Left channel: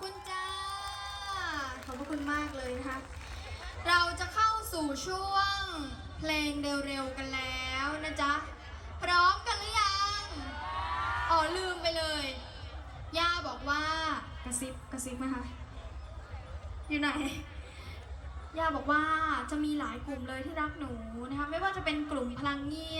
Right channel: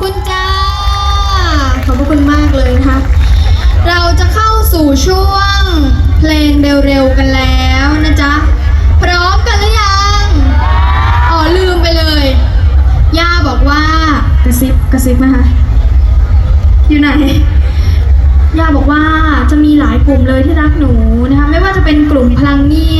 คุณจ้า ขอบพระคุณมากเลยนะคะ เราจะเข้าสู่ช่วงเพลงเร็วๆกันแล้วนะจ๊ะ พร้อมกันหรือยัง อ๋อลืมไปเลย ย่าบอกว่ากระซิบกระซิบนะคะ อยู่ไหน ย่าบอกว่าจะมีหลายกลุ่มเลยที่รักหนูนะคะ ไม่ว่าจะเป็นกลุ่มพลังนี่